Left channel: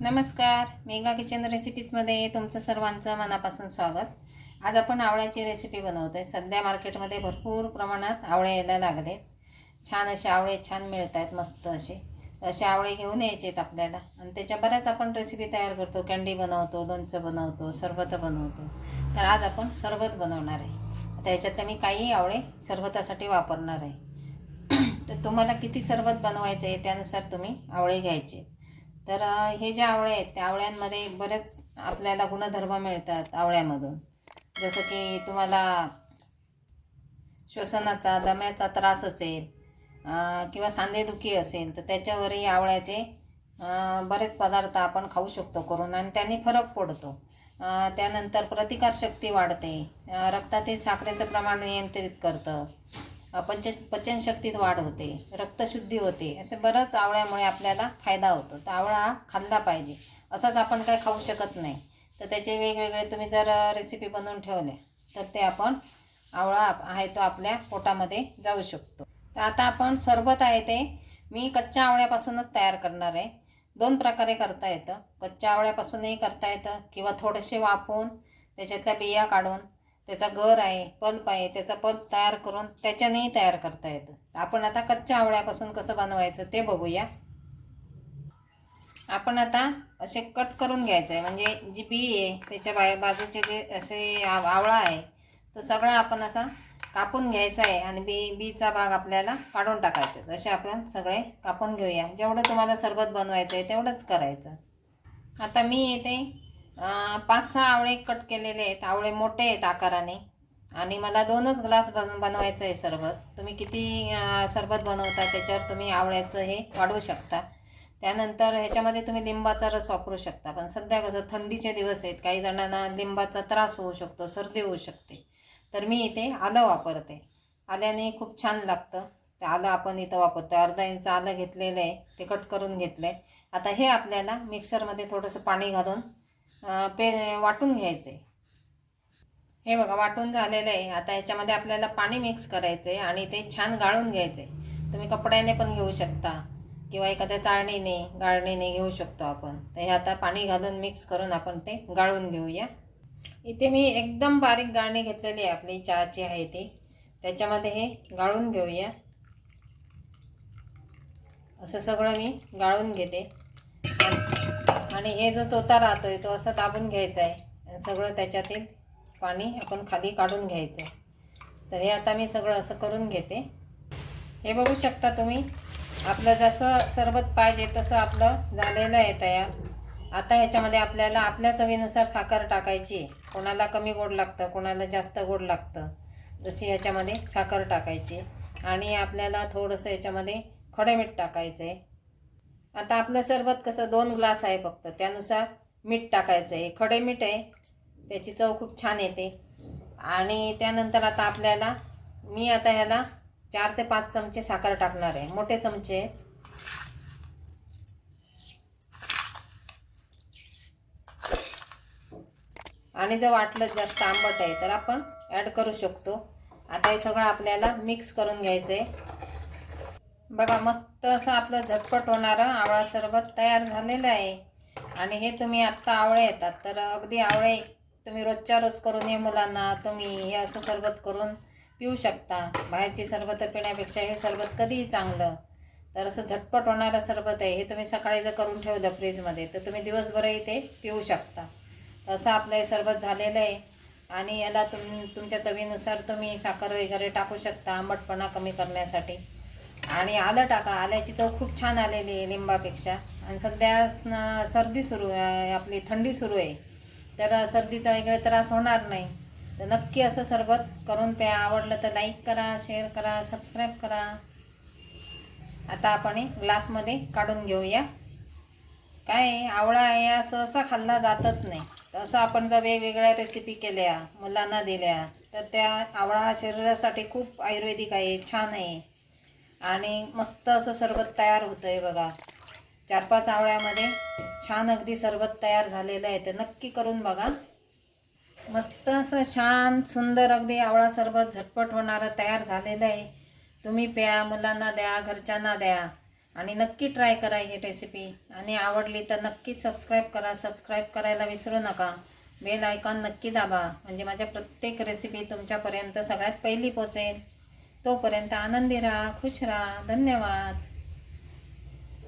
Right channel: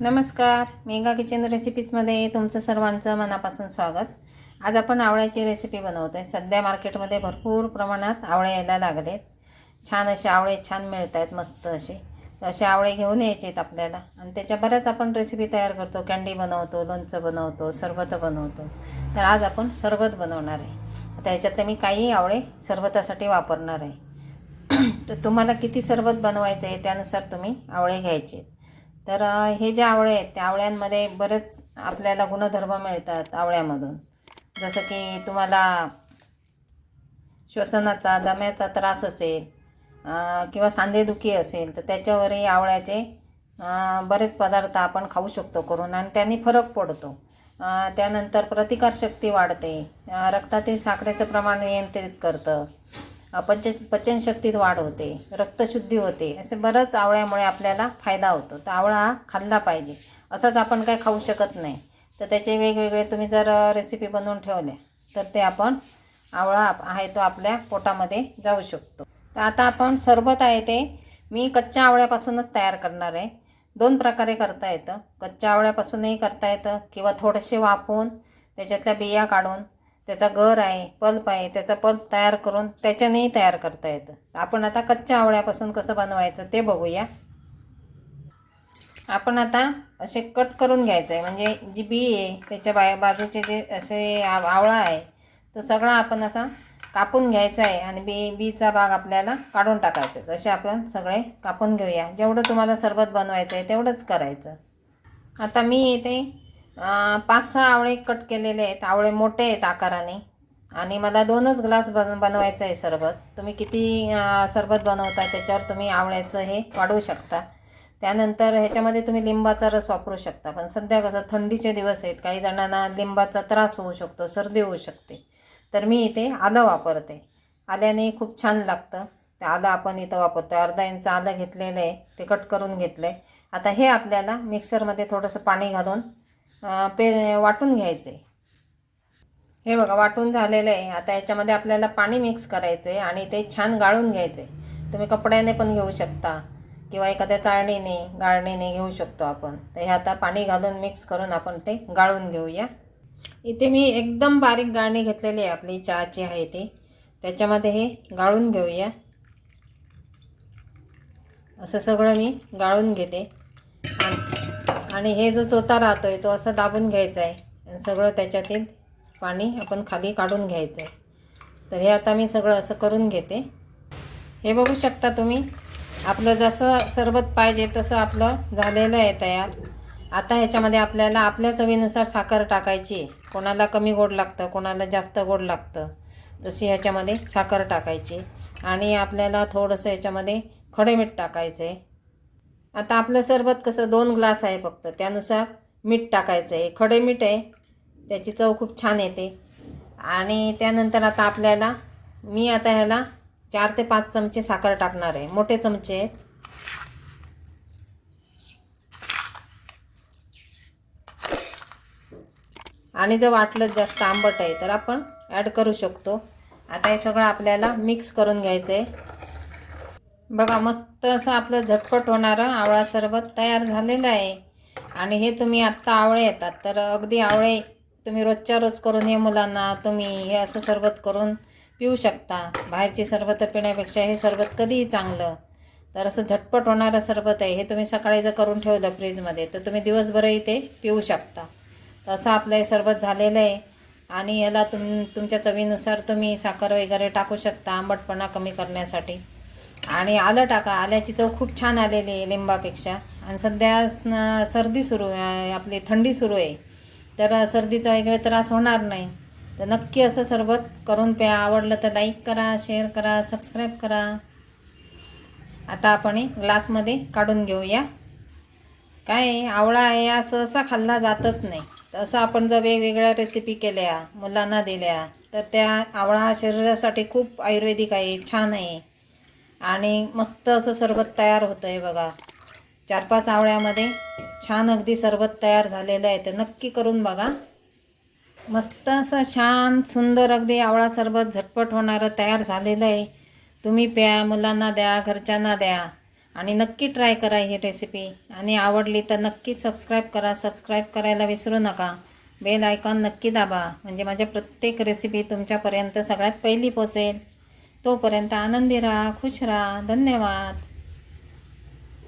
नमस्कार mega kitchen रेसिपीजमध्ये तुमचं सर्वांचं मनापासून स्वागत. आज आपण आवळ्याची रेसिपी बनवतो आहे सध्या मार्केटमध्ये भरपूर प्रमाणात आवळे यायला लागलेत. छान असे आवळे छान मिळत आहेत मस्त असे. तर असे आवळे घेऊन यायचे आहेत आपल्याला. आणि त्याच्या बऱ्याच आपण रेसिपी तयार करतो. कँडी बनवतो लोणचं बनवतो सरबत बनवतो. तर आज आपण सरबत बनवणार आहे. आता ह्याच्यातले मी काही आवळे सरबतासाठी वापरणार आहे. तर तुम्हाला किती सरबत बनवायचं आहे त्यानुसार तुम्ही आवळे घ्यायचे. तर हे जे आवळे आहेत त्या आवळ्यांमध्ये बरेच आपल्याला गुणधर्म मिळतात आवळ्यामधून. जसं की तुम्हाला श्वसनाचा दम्याचा त्रास असेल किंवा सांधेदुखी असेल तर त्याच्यावरही आवळ्याचे बरेच पदार्थ आपण खाऊ शकतो करून आणि त्यांनी फरक पडतो. त्यानंतर प्रतिकारशक्ती वाढते. रक्तातील साखरेचं प्रमाण नियंत्रित करतं. अ, पच पचनशक्तीत वाढ होते रक्तशुद्धी होते असे बरंच आवळ्यामुळे आपल्याला फायदा होतो. तर आवळा हा खाल्ला पाहिजे. असाच आपण काय खाऊ शकत नाही. तर त्याचे वेगवेगळे तुम्ही जर रेसिपी बनवून ठेवले तर ते आपण आवळा आहे तो आपल्या पोटामध्ये जाऊ शकतो. तर आता आपण सरबत आहे ते मी कच्च्या आवळ्यापासूनच तयार करणार आहे. दोन प्रकारे करता येतं. कच्च्या आवळ्यापासूनही करता येतं किंवा थोडेसे वाफवून त्याच्यातल्या बिया काढून त्याचा गर आहे पल्प आहे त्याचा पल्प तयार करून त्याच्यानेही तयार करता येतं. आपण आता कच्च्या आवळ्यापासून कसं बनवायचं ते बघूया. आपण आता असे कट करून घ्यायचं आहे म्हणजे जी बी आहे त्याच्या बाय बाजूचे जे असे आव- आवळा आहे तो सगळा आपण असा कापून घ्यायचा आहे आणि बी बीचा भाग आपल्याला काढून टाकायचा आहे. जसे आपण सगळे कापून घेऊया. जेवढं तुम्हाला सरबत बनवायचं आहे तेवढंच करायचं. आता मी येते पाच सहा आवळे कट केलेले आहेत. आवळे मोठे आहेत आकाराने. आणि मला दोनच ग्लास बन बनवायचं आहे सरबत. तुम्ही किती सरबत बनवता त्याच्यावर तुम्ही आवळ्याचं हे वाढवू शकता. त्यानंतर ह्याच्यामध्ये तुम्ही लिंबाचा रस वापरू शकता. पण सध्या कसं थंडीचे दिवस आहेत. काही जणांना लिंबाचा त्रास होऊ शकतो सर्दी होऊ शकते. तर मी इथे आलं वापरते. आल्याने खूप छान लागतं. ते आलं आपण इथं वापरतो अर्धा इंच आलं घेतलेलं आहे. ते कट करून घेतलं आहे आता हे आपल्याला मिक्सरमध्ये थोडंसं पाणी घालून पे वाटून घ्यायचे. हे बघा वाटून झालेलं आहे. आता याच्यामध्ये आपल्याला पाणी मिक्स करायचं आहे आणि ते छान गाळून घ्यायचे तुम्ही कपड्याने पण घेऊ शकता किंवा एखाद्या चाळणीने गाळणीने घेऊ शकतो आपण. तर हे आता पाणी घालून मिक्स करून आपण ते गाळून घेऊया. इथे मी एकदम बारीक गाळणी घेतलेली आहे आपली चहाची आहे ती. त्याच्यामध्ये हे गाळून घेऊया. असं सगळं मी गाळून घेते. आणि- हे जो चोथा आहे तो असा दाबून घ्यायचा आहे. आणि सगळं त्याच्यातील पाणी आपण खाली काढून घ्यायचं आहे. तर हे आता मी सगळं असं करून घेते. हे बघू शकता तुम्ही आपलं जसं सरबत पाहिजे तसं आपलं झालेलं आहे तयार. आता ह्याच्यामध्ये आपल्याला आपल्या चवीनुसार साखर टाकायची आहे. कोणाला कमी गोड लागतं कोणाला जास्त गोड लागतं तशी ह्याच्यामध्ये साखर टाकायची आणि आपल्याला थोडंसं ह्याच्यामध्ये खडे मीठ टाकायचं आहे. आता आपलं सरबत कसं दोन ग्लास आहे फक्त त्यानुसार मीठ टाकायचं आहे. खडे मीठ आहे त्याची चव खूप छान येते. आणि त्यानंतर आता आपल्याला मी आता ह्याला चार ते पाच चमचे साखर टाकणार आहे. मोठे चमचे आहेत. आणि जर वाटलं जास्त आंबट आहे तर आपण ॲड करू शकतो. आता हे सगळं आपल्याला मिक्स करून घ्यायचं आहे बघा मस्त असं आपलं झटपट होणारं आवळा सरबत तयार झालेलं आहे. आणि हे तुम्ही आत्ता आवळे येतात. तर अगदी आवळे तुम्ही रोजच्या रोज करून हे मुलांना तुम्ही हे असं सरबत करून पिऊ शकता. बाहेरची सरबत पिण्यापेक्षा हे सरबत कधीही चांगलं. तर असं झटपट होणारं सरबत आहे हे तुम्ही सकाळी जर करून ठेवलं फ्रीजमध्ये तर तुम्ही दिवसभरही ते पिऊ शकता. तर असं आपलं हे सरबत झालेलं आहे. आणि याला तुम तुमच्या चवीनुसार तुम्ही साखर वगैरे टाकू शकता आंबटपणा कमी करण्यासाठी. आणि आलं टाका आल्याची चव खूप छान आलेली आहे लिंबापेक्षा. आणि सध्या सर्दी सुरू आपली थंडी सुरू आहे. तर सर्दीचा वगैरे त्रास होणार नाही. तर नक्की असं सरबत करून प्या. आवडलं तर लाईक करा शेअर करा सबस्क्राईब करा. आता आपण हे ग्लासमध्ये काढून घेऊया. काय आहे, आवळा आहे असं सहसा खाल्ला जातच नाही. तर असं आपण जर वेगवेगळ्या रेसिपी केल्या मुलांना दिल्या तर त्या आवळा शरीरासाठी खूप आयुर्वेदिक आहे छान आहे. आणि मस्त असं सरबत तयार होतं आहे बघा. चार पाच आवळ्यामध्ये छान अगदी सरबत तयार झालेलं आहे. तर नक्की करून बघा. मस्त असं छान सुंदर अगदी आवळा सरबत झटपट होणारं तयार झालेलं आहे. तुम्ही प्या मुलांना द्या घरच्यांना द्या. आणि नक्की ट्राय करा ही रेसिपी. आणि आवडली तर नक्की सबस्क्राईब करा. सबस्क्राईब करायला विसरू नका. बेल आयकॉन नक्की दाबा. म्हणजे माझ्या प्रत्येक रेसिपी तुमच्यापर्यंत सगळ्यात पहिली पोचेल. तोपर्यंत आनंदी राहा खुश राहा. धन्यवाद.